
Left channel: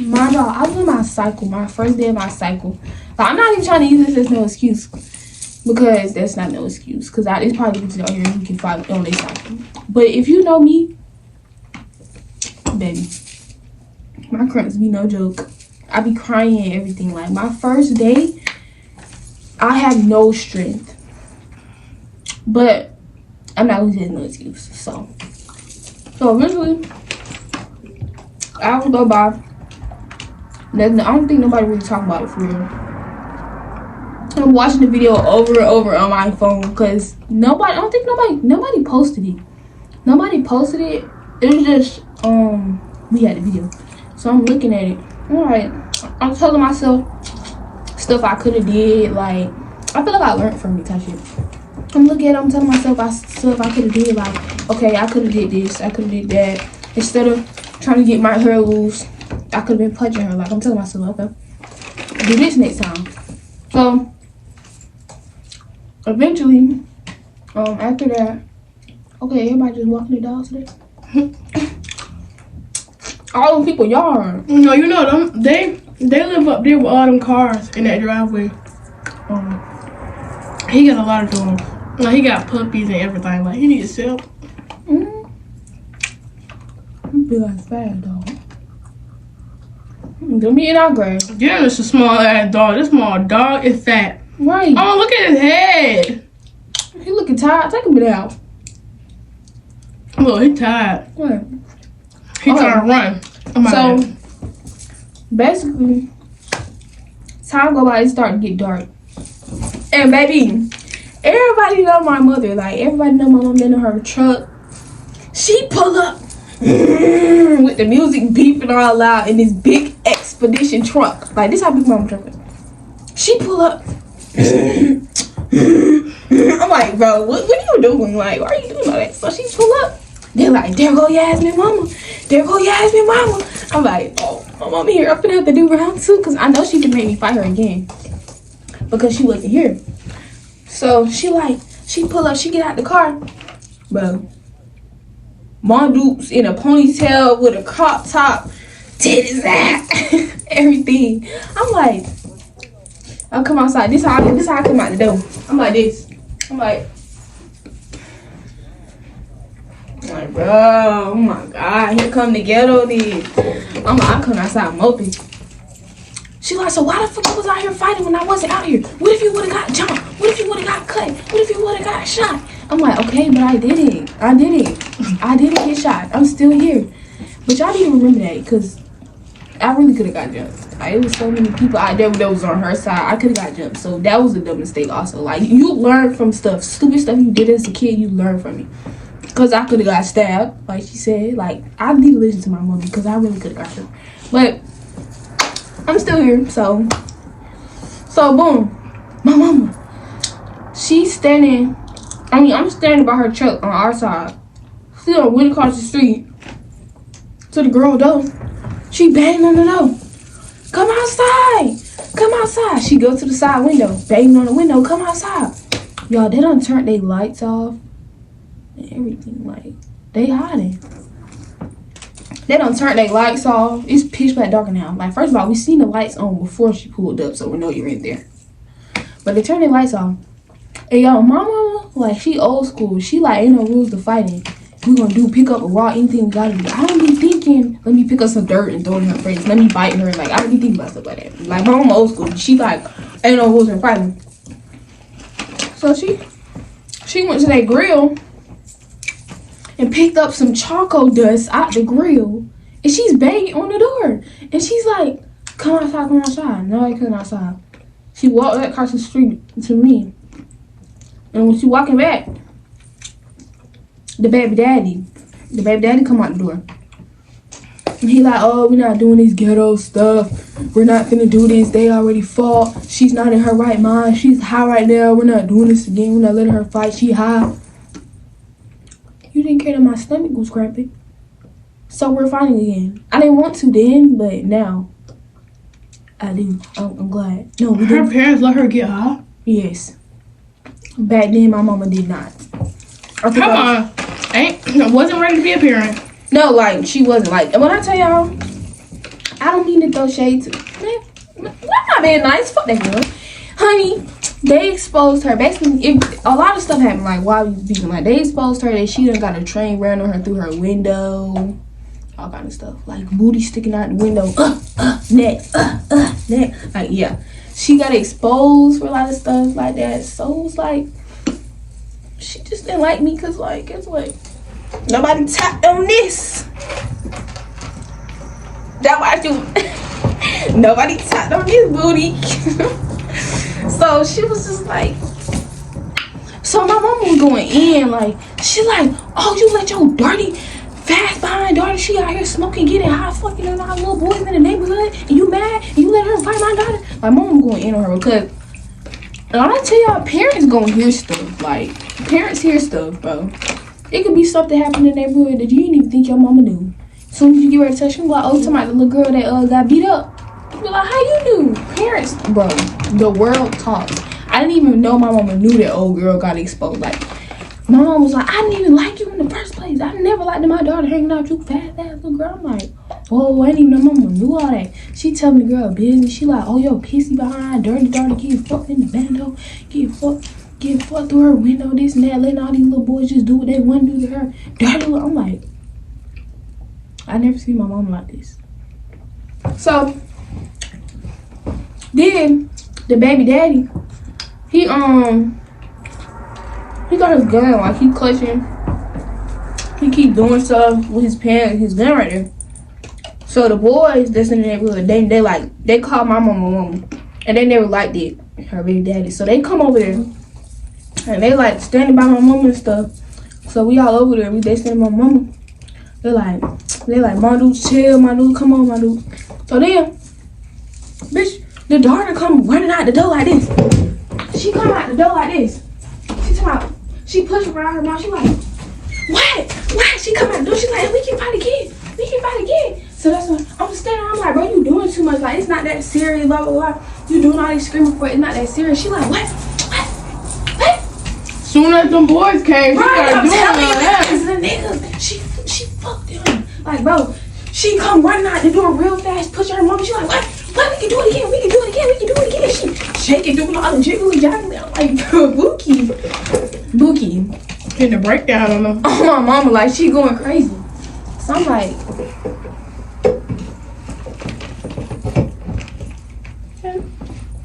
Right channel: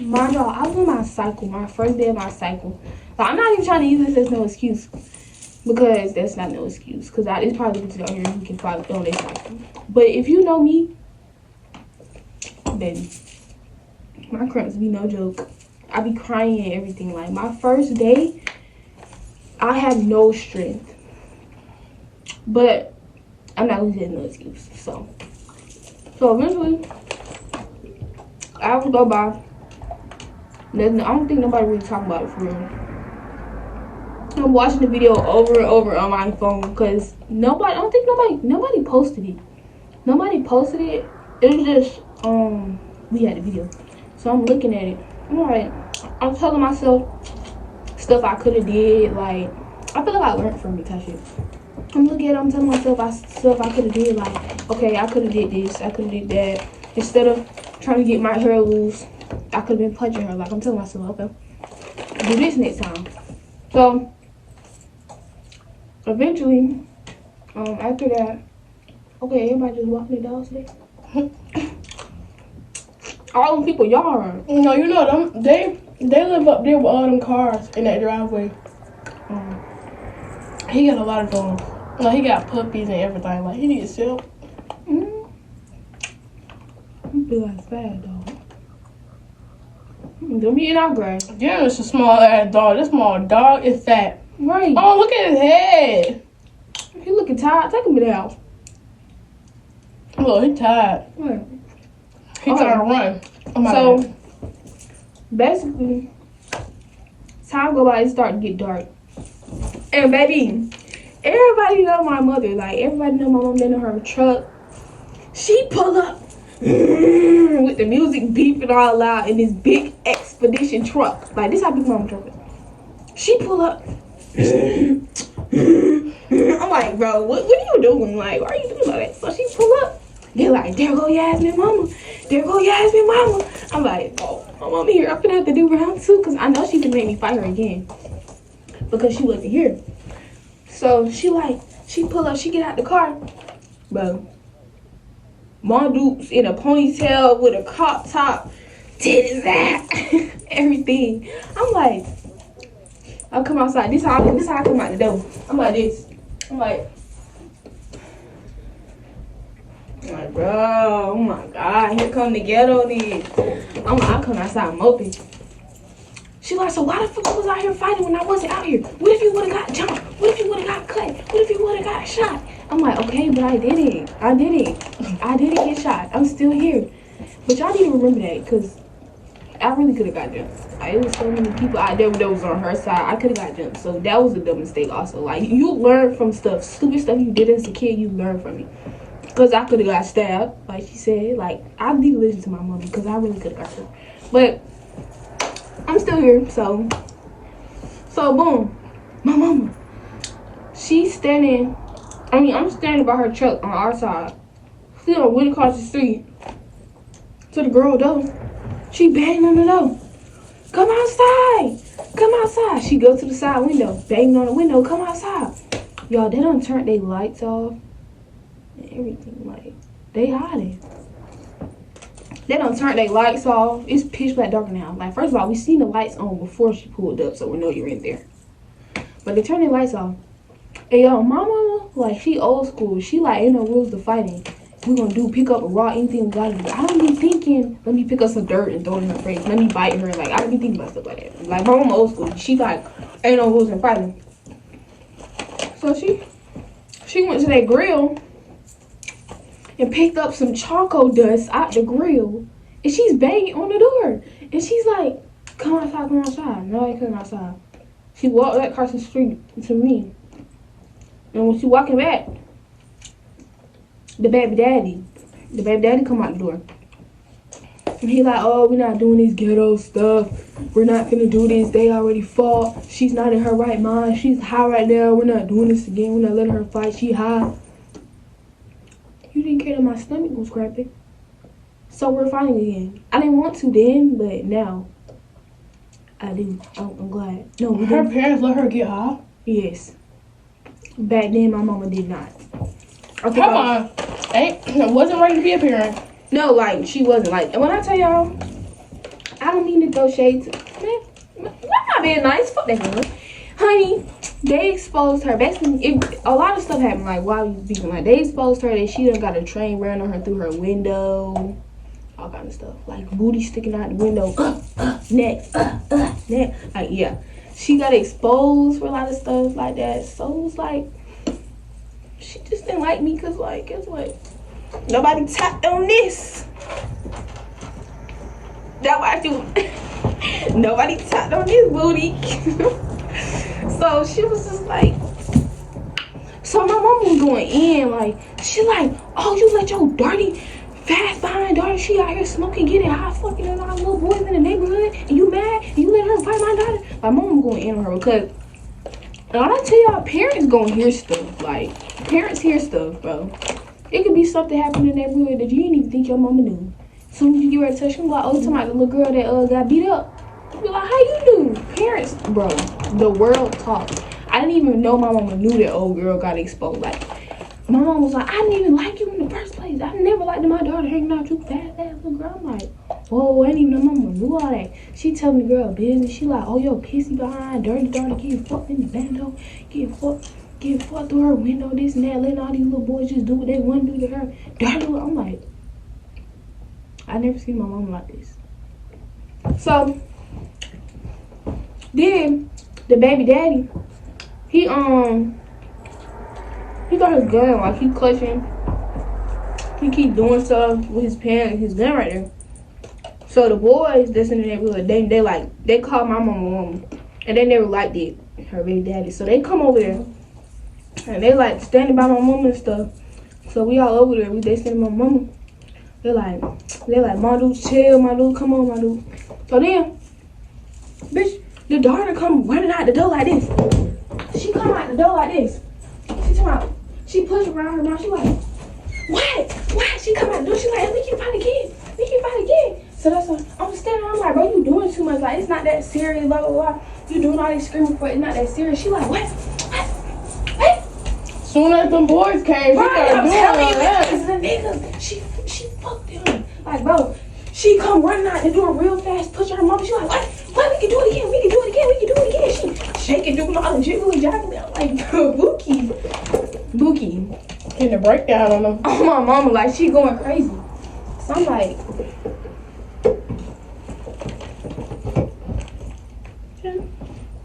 my dog, I was on my cycle, my first day of my cycle. Like, I'm not even trying to use this as no excuse because that's not no excuse. Because it's probably people out here who can fight on their cycle. But if you know me, baby, my cramps be no joke. I be crying and everything. Like, my first day, I have no strength. But I'm not going to use no excuse. So eventually, hours go by. I don't think nobody really talking about it for real. I'm watching the video over and over on my phone because nobody posted it. Nobody posted it. It was just we had the video. So I'm looking at it. Alright. I'm telling myself stuff I could have did. Like, I feel like I learned from me type shit. I'm looking at it, I'm telling myself stuff I could have did. Like, okay, I could have did this, I could have did that. Instead of trying to get my hair loose, I could have been punching her. Like, I'm telling myself, okay, do this next time. So eventually, after that, okay, everybody just walking the dogs today. All them people yarn. No, you know them. They live up there with all them cars in that driveway. He got a lot of dogs. Like, he got puppies and everything. Like, he needs help. Be like fat dog. Give me it out, grass. Yeah, it's a small ass dog. This small dog is fat. Right. Oh, look at his head. He looking tired. Take him out. Look, he tired. Right. He trying to run. Oh my God. Basically, time go by, it start to get dark. And baby, everybody know my mother. Like, everybody know my mom in her truck. She pull up with the music beeping all loud in this big expedition truck. Like, this how big mama truck is. She pull up. I'm like, bro, what are you doing? Like, why are you doing all that? So she pull up. They're like, there go Yasmin mama. There go Yasmin mama. I'm like, oh, my mama here. I'm gonna have to do round 2 because I know she can make me fight her again because she wasn't here. So she pull up, she get out the car, bro. Mom Dukes in a ponytail with a crop top, titties out, everything. I'm like, I'll come outside. This how I come out the door. I'm like this. I'm like, bro, oh my God, here come the ghetto dudes. I'm like, I come outside moping. She like, so why the fuck you was out here fighting when I wasn't out here? What if you would have got jumped? What if you would have got cut? What if you would have got shot? I'm like, okay, but I did it. I didn't get shot. I'm still here. But y'all need to remember that, because I really could have got jumped. Like, it was so many people out there that was on her side. I could have got jumped. So that was a dumb mistake also. Like, you learn from stuff. Stupid stuff you did as a kid, you learn from it. Because I could have got stabbed, like she said. Like, I need to listen to my mom because I really could have got her. But I'm still here, so boom. My mama, she's standing, I'm standing by her truck on our side. She went across the street to the girl door. She banged on the door. Come outside. Come outside. She goes to the side window, banging on the window. Come outside. Y'all, they done turned their lights off and everything. Like, they hiding. They done turned their lights off. It's pitch black dark now. Like, first of all, we seen the lights on before she pulled up, so we know you're in there. But they turned their lights off. And y'all, my mama, like, she old school. She like, ain't no rules to fighting. We gonna pick up a raw, anything we gotta do. I don't be thinking, let me pick up some dirt and throw it in her face. Let me bite her. Like, I don't be thinking about stuff like that. Like, my mama old school. She like, ain't no rules in fighting. So she went to that grill and picked up some charcoal dust out the grill, and she's banging on the door. And she's like, come outside, come outside. No, I couldn't outside. She walked back across the street to me. And when she walking back, the baby daddy come out the door. And he like, oh, we're not doing this ghetto stuff. We're not finna do this. They already fought. She's not in her right mind. She's high right now. We're not doing this again. We're not letting her fight. She high. You didn't care that my stomach was cramping. So we're fighting again. I didn't want to then, but now I do. I'm glad. No, her parents let her get high? Yes. Back then, my mama did not. Come on. Wasn't ready to be a parent. No, like, she wasn't. Like, and when I tell y'all, I don't mean to throw shade to, man, I'm not being nice. Fuck that girl. Honey, they exposed her. Basically, a lot of stuff happened, like, while we was beating. Like, they exposed her that she done got a train ran on her through her window. All kind of stuff. Like, booty sticking out the window. Neck. Like, yeah. She got exposed for a lot of stuff like that. So, it was like, she just didn't like me because, like, guess what? Nobody tapped on this. That's why I do. Nobody tapped on this booty. So she was just like, so my mom was going in, like, she like, oh, you let your dirty, fast behind daughter, she out here smoking, getting high, fucking on all little boys in the neighborhood, and you mad, and you let her fight my daughter? My mom was going in on her because, and when I tell y'all, parents gonna hear stuff. Like, parents hear stuff, bro. It could be something happening in the neighborhood that you didn't even think your mama knew. As soon as you get ready to touch them, like, oh, talking about the little girl that got beat up. You be like, how you knew? Parents, bro, the world talks. I didn't even know my mama knew that old girl got exposed. Like, my mom was like, I didn't even like you in the first place. I never liked my daughter hanging out with you fast ass little girl. I'm like, oh, I didn't even know my mama knew all that. She telling the girl business. She like, oh, yo, pissy behind, dirty daughter, getting fucked in the bando, getting fucked through her window, this and that, letting all these little boys just do what they want to do to her. Dirty little, I'm like, I never seen my mom like this. So, then, the baby daddy, he got his gun, like, he clutching. He keep doing stuff with his pants, his gun right there. So, the boys that's in the neighborhood, they call my mama, and they never liked it, her baby daddy. So, they come over there. And they like standing by my mama and stuff. So we all over there. They standing by my mama. They like, my dude, chill, my dude, come on, my dude. So then, bitch, the daughter come running out the door like this. She come out the door like this. She push around her mouth. She like, what? She come out the door. She like, we can fight again. So that's what I'm standing around like, bro, you doing too much. Like, it's not that serious, blah, blah, blah. You doing all these screaming for it. It's not that serious. She like, what? Soon as them boys came, right, I'm telling you, because the nigga, she fucked him. Like, bro, she come running out the door real fast, push her mom. She like, what? We can do it again. shaking, doing all the jiggly jaggly. I'm like, Bookie. In the breakdown on them. Oh, my mama, like, she going crazy. So I'm like,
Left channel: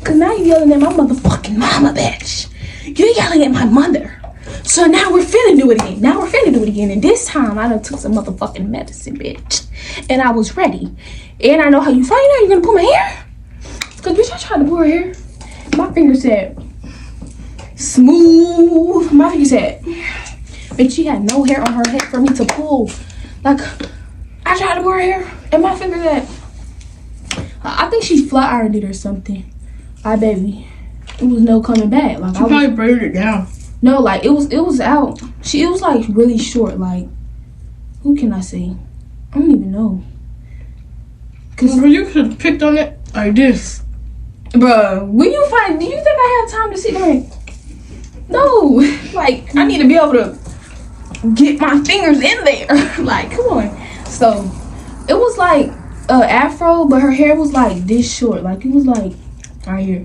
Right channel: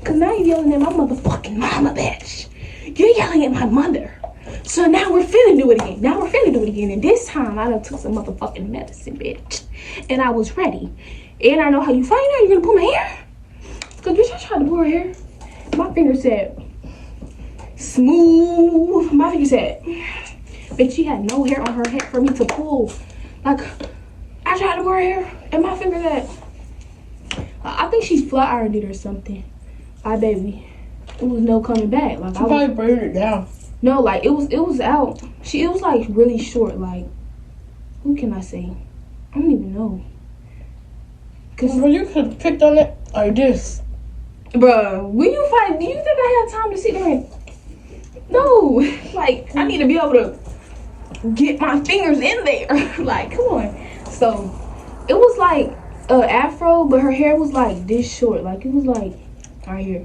cause now you yelling at my motherfucking mama, bitch. You're yelling at my mother. So now we're finna do it again. And this time I done took some motherfucking medicine, bitch. And I was ready. And I know how you find out you're gonna pull my hair. Cause bitch, I tried to pull her hair. My finger said smooth. My finger said, bitch, she had no hair on her head for me to pull. Like, I tried to pull her hair and my finger said, I think she flat ironed it or something. Bye, baby. It was no coming back. Like, She probably braided it down. No, like it was out. It was like really short. Like, who can I say? I don't even know. Cause you could have picked on it like this. Bruh, when you find, do you think I have time to sit there? No, like I need to be able to get my fingers in there. Like, come on. So it was like afro, but her hair was like this short. Like it was like right here.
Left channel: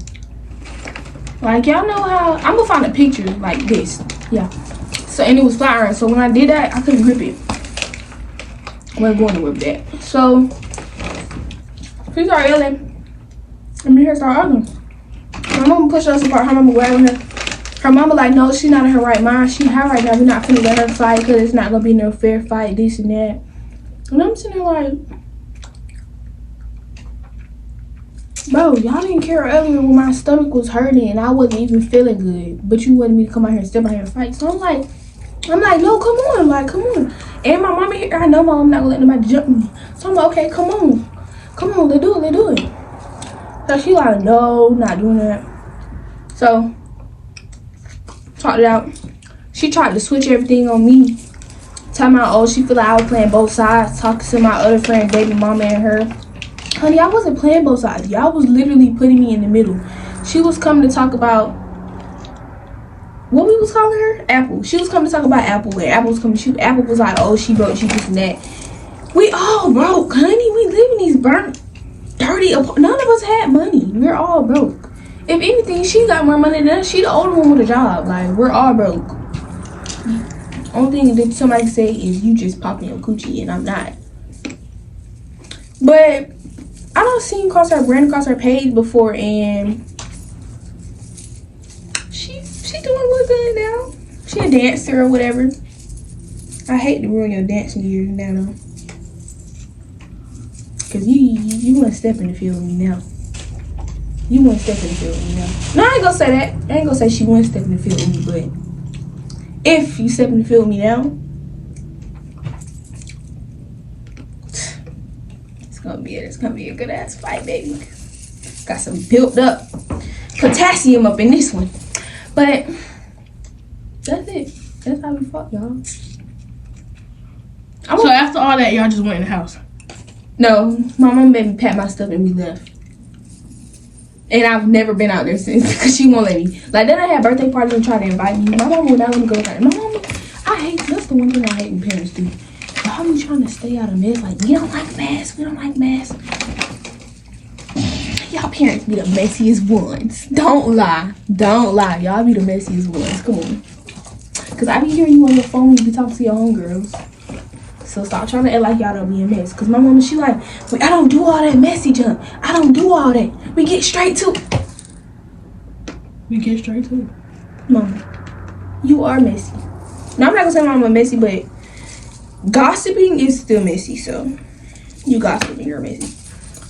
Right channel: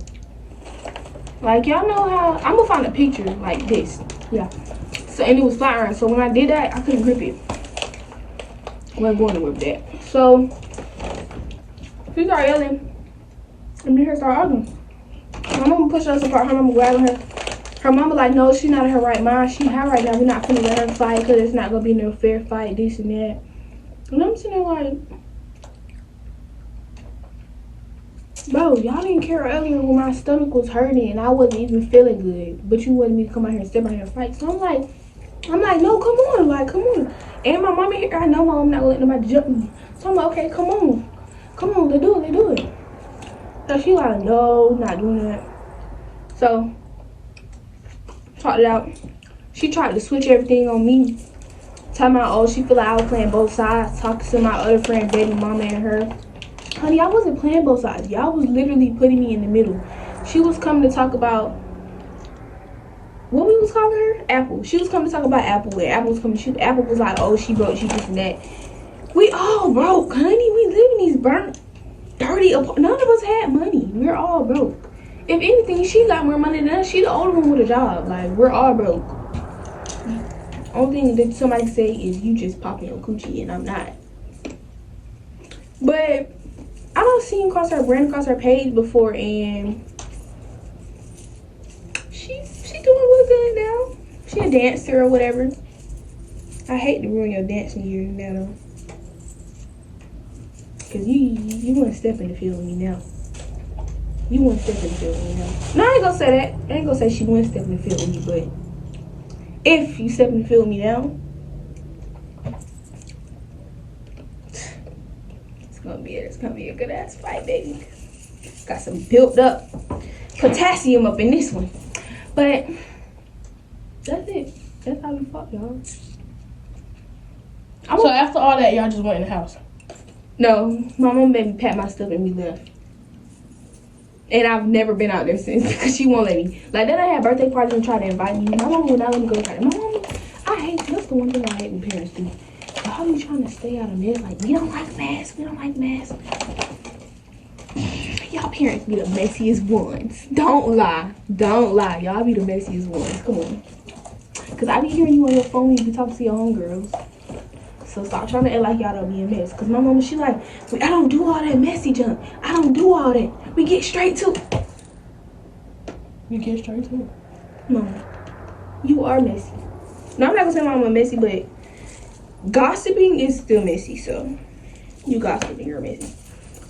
Like, y'all know how, I'm gonna find a picture like this. Yeah. So, and it was flat iron. So when I did that, I couldn't grip it. I wasn't going to grip that. So, she started yelling. And me and her started arguing. My mama pushed us apart. Her mama wagging her. Her mama like, no, she's not in her right mind. She high right now. We're not finna let her fight because it's not gonna be no fair fight, this and that. And I'm sitting there like, bro, y'all didn't care earlier when my stomach was hurting and I wasn't even feeling good. But you wanted me to come out here and step out here and fight. So I'm like, no, come on. Like, come on. And my mama here, I know my mom not gonna let nobody jump me. So I'm like, okay, come on. Come on, let's do it. So she like, no, not doing that. So, talked it out. She tried to switch everything on me. Tell me, oh, she feel like I was playing both sides. Talking to my other friend, baby mama and her. Honey, I wasn't playing both sides. Y'all was literally putting me in the middle. She was coming to talk about, what we was calling her? Apple. She was coming to talk about Apple. And Apple was coming to shoot. Apple was like, oh, she broke, she this and that. We all broke, honey. We live in these burnt, dirty apartments. None of us had money. We're all broke. If anything, she got more money than us. She the older one with a job. Like, we're all broke. Only thing that somebody say is you just popping your coochie and I'm not. But I don't see him ran across her page before, and she doing real good now. She a dancer or whatever. I hate to ruin your dancing years now though, cause you want to step in the field with me now. You want to step in the field with me now. No, I ain't gonna say that. I ain't gonna say she wouldn't step in the field with me, but if you step in the field with me now, it's gonna be a good ass fight, baby. Got some built up potassium up in this one. But that's it. That's how we fought, y'all. So after all that, y'all just went in the house? No, my mom made me pack my stuff and we left. And I've never been out there since because she won't let me. Like, then I had birthday parties and try to invite me. My mom would not let me go out there. My mom, that's the one thing I hate when parents do. Y'all be trying to stay out of mess. Like, we don't like mess. Y'all parents be the messiest ones. Don't lie. Y'all be the messiest ones. Come on. Because I be hearing you on your phone when you be talking to your homegirls. So stop trying to act like y'all don't be a mess. Because my mama, she like, I don't do all that messy junk. I don't do all that. We get straight to it. Mama, you are messy. Now, I'm not going to say mama messy, but gossiping is still messy. So, you gossiping, you're messy.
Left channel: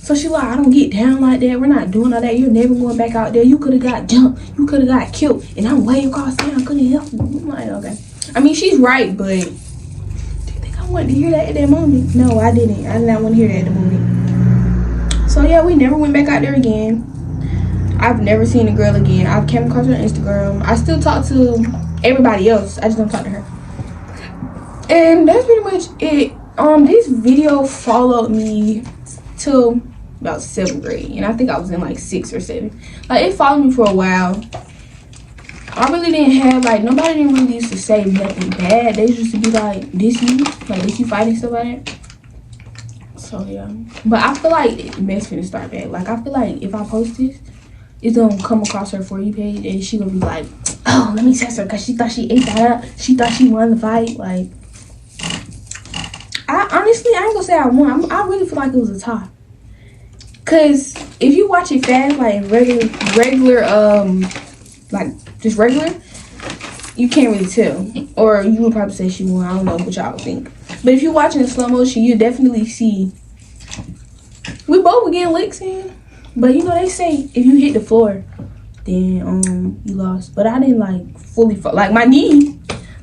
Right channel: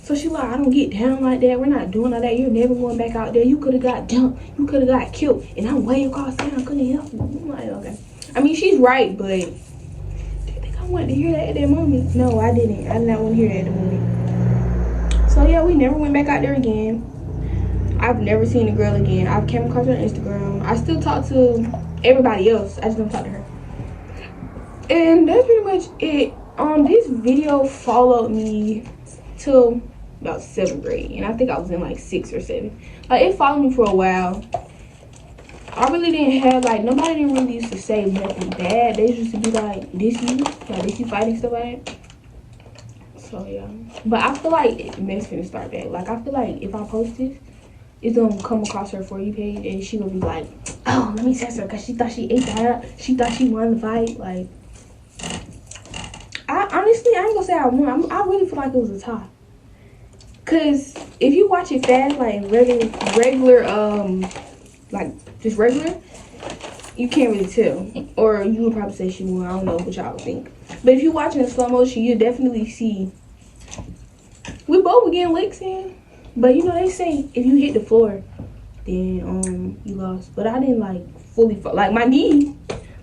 So she like, I don't get down like that. We're not doing all that. You're never going back out there. You could have got jumped. You could have got killed. And I'm way across town. Could have helped you. I'm like, okay. I mean, she's right, but do you think I wanted to hear that at that moment? No, I didn't. I did not want to hear that at the moment. So yeah, we never went back out there again. I've never seen the girl again. I've came across her on Instagram. I still talk to everybody else. I just don't talk to her. And that's pretty much it. This video followed me till about 7th grade, and I think I was in like 6th or 7th. Like, it followed me for a while. I really didn't have, like, nobody didn't really used to say nothing bad. They used to be like, this you fighting stuff like that. So yeah, but I feel like mess finna start back. Like, I feel like if I post this, it's gonna come across her For You page, and she gonna be like, "Oh, let me test her," because she thought she ate that up. She thought she won the fight. Like, I honestly, I ain't gonna say I won. I really feel like it was a tie. Cause if you watch it fast, like regular, like just regular, you can't really tell. Or you would probably say she won. I don't know what y'all would think. But if you watch it in slow motion, you definitely see we both were getting licks in. But you know they say if you hit the floor, then you lost. But I didn't like fully fall. Like my knee,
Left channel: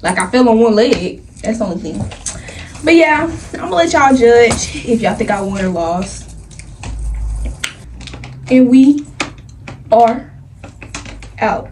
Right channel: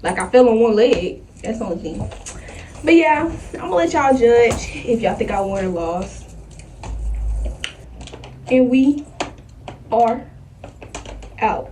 like I fell on one leg. That's the only thing. But yeah, I'm gonna let y'all judge if y'all think I won or lost. And we are out.